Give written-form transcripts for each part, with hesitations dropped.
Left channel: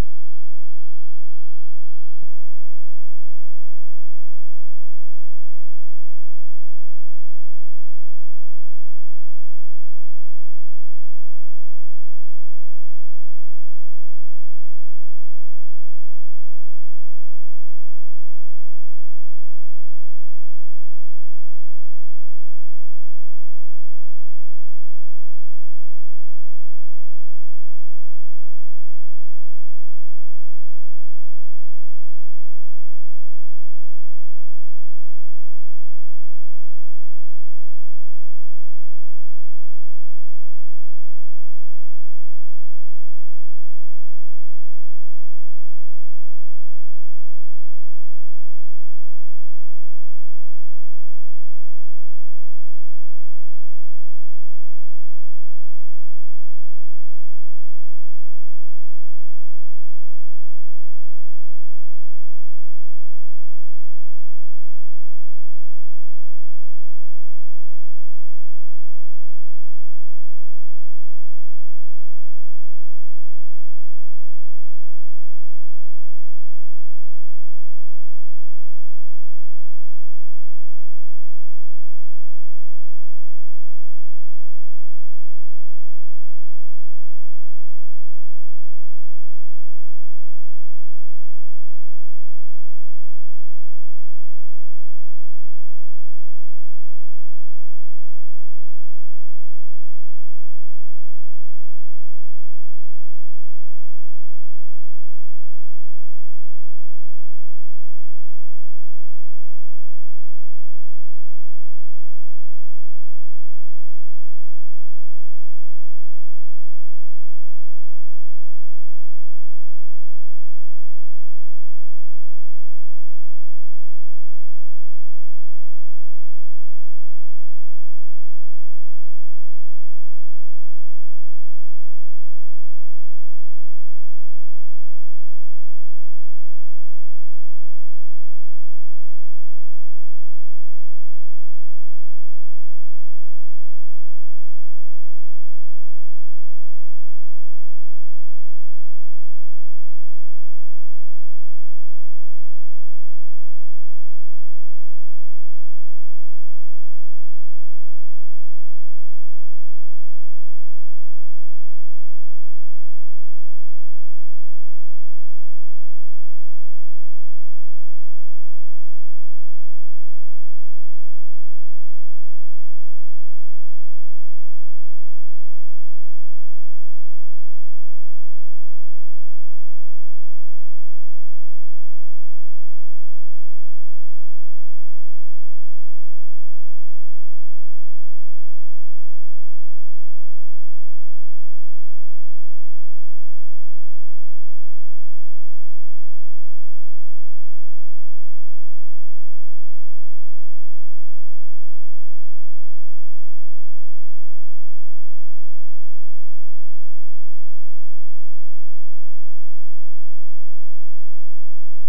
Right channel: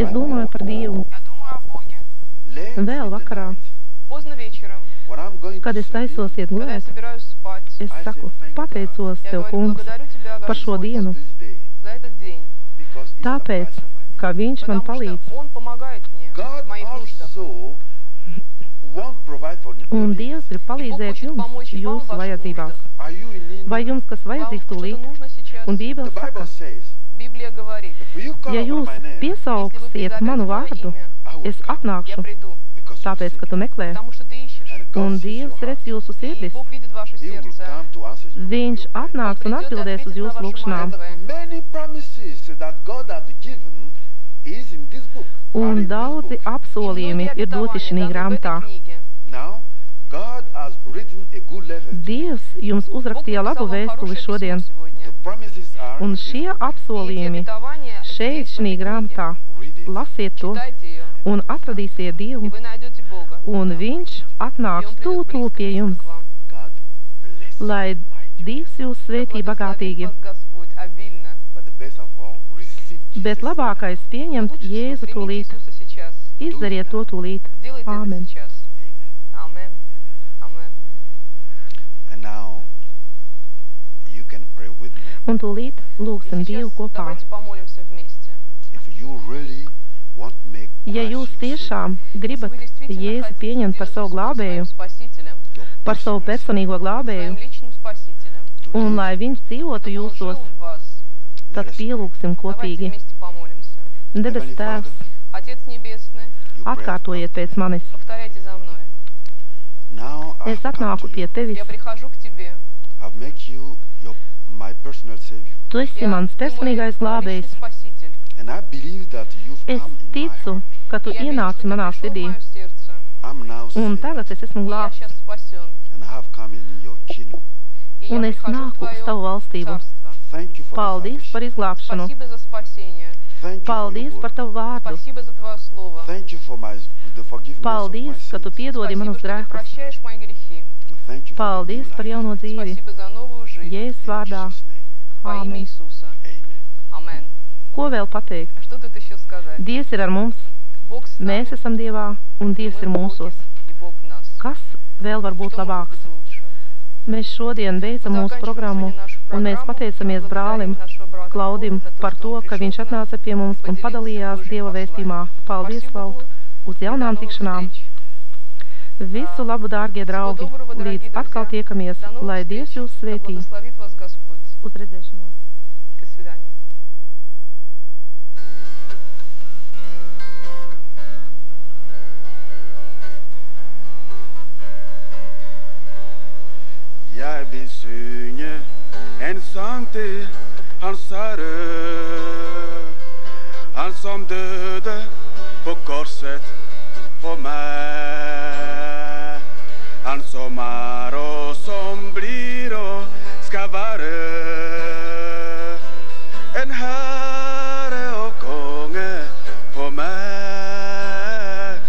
Es domāju par Dievu. Vēl vakarā, kad es taisos iet gulēt, es saku, pateicos Tev, Kungs, par šo dienu, tāpēc, ka Viņš man palīdz. Un Dievs grib palīdzēt jums jūsu vajadzībās. Vai jums kas vajadzīgs tūlīt? Un Bībele saka, ja jūs piesaugsiet manu vārdu, es atnākšu, tāpēc, ka tu meklē. Un Dievs redz jūsu sirdis. Viņš atnāks un atbildēs uz jūsu lūkšanām. Un daudzi apsolījumi ir doti šī grāmatā. Dievs jums uzrakstīja labu vēstuli šodien. Un šie apsolījumi šeit šī grāmatā. Lasiet to un atradīsiet Dievu. Un Viņš atnāks tūlīt pie jums. Lai Dievs jūs svētī bagātīgi. Bet labākais pieņemt Jēzu tūlīt. Izdariet to tūlīt. Āmen. Un tūlīt lūgsim Dievu kopā. Ja jūs tiešām gribat Jēzu pieņemt par savu glābēju, par savu personīgo glābēju, un lai Viņš dzīvotu jūsos, tad pielūgsim kopīgi. Debes Tēvs, atkārtojiet pēc manis. Es atnāku pie Tevis. Tu esi mans personīgais glābējs. Es ticu, ka Tu ienāci manā sirdī. Un tagad es esmu glābts. Un es nāku uz Tavu valstību. Paldies par izglābšanu. Paldies par Tavu vārdu. Paldies, ka Tu piedodi manus grēkus. Paldies par jauno dzīvi. Jēzus vārdā. Āmen. Ko vēl pateikt? Dievs ir ar mums. Mēs esam Dievā, un Dievs ir mūsos. Kas vēl var būt labāks? Mēs šodien beidzam mūsu programmu, un mēs pateicamies brālim Klaudim par to, ka viņš atnāca pie mums un padalījās Dieva vēstījumā. Paldies, Klaud, uz jaunām tikšanām. Visu labu, dārgie draugi, līdz atkal tiekamies, lai Dievs jūs svētī. Uz redzēšanos. Jeg vil synge en sang til hans Herre, han som døde på korset for meg, han som og som blir og skal være en herre og konge for meg.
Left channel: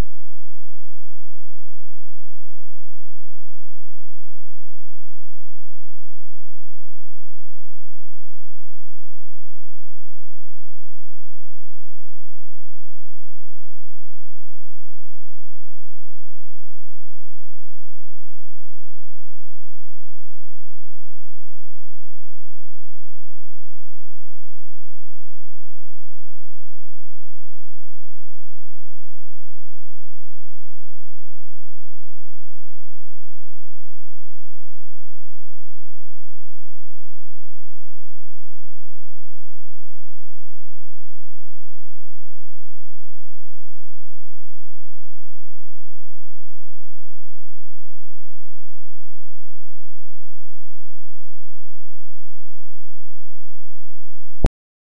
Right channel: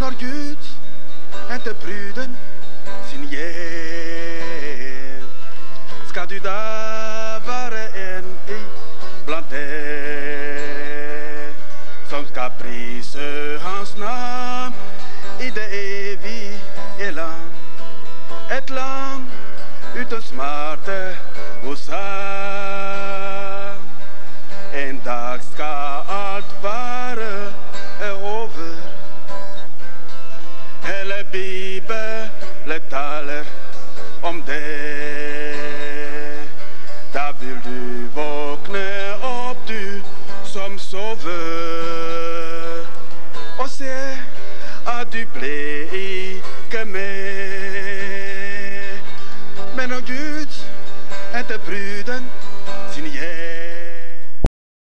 Når Gud henter bruden sin hjem, skal du da være en blant dem som skal prise hans navn i det evige land. Et land uten smerte hos ham. En dag skal alt være over. Hele Bibelen taler om det.